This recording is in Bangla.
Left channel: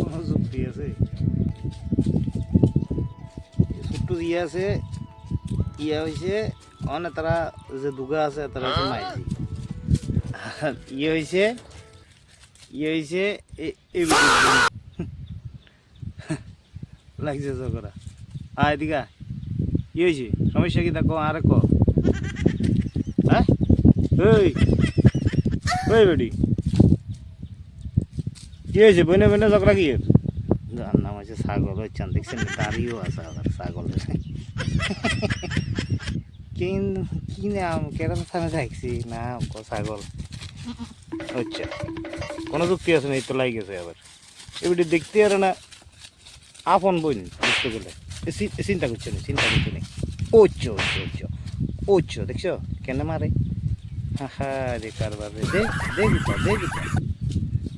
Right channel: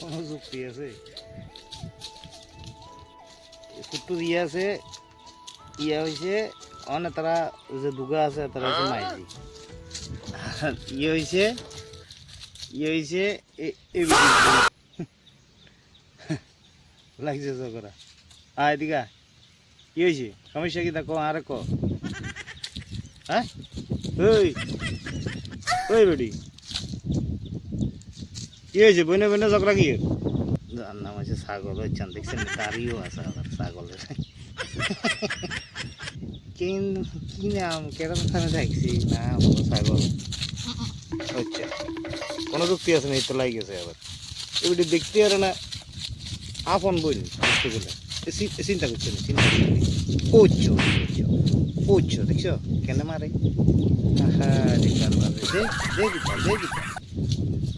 কোনো যুক্তি আছে? ছোট্ট ইয়ে আছে, ইয়ে হয়েছে অনেক তারা যে দুগা আছে তারা হচ্ছে মাইজি। আর ইয়ে হয়েছে লাগছে চকরা। এদিকা কি হয়েছে? সমস্যা কি দেখো আরে ক। হ্যাঁ ওই ওই বেডি কি হয়েছে? বইনে বইনে ঝগড়া কি? যার নাম আছে ছাগল, ওই চান দেখছেন তারিও আছে আবার ছাগলের। কি নাম কেরম থামে থাকছি নাম ছাগল হচ্ছে। কোনো যুক্তি আছে না, এই তো লাই গেছে আবার এবারে দেখতে আর না আপন বোন বুঝতে গেলে চিন্তা করছে না, চিন্তা করছে না। ওচ্ছ ওচ্ছ ওচ্ছ দেখছো কেন মারে? হ্যাঁ রে কারবার, দেখিতা দেখিতা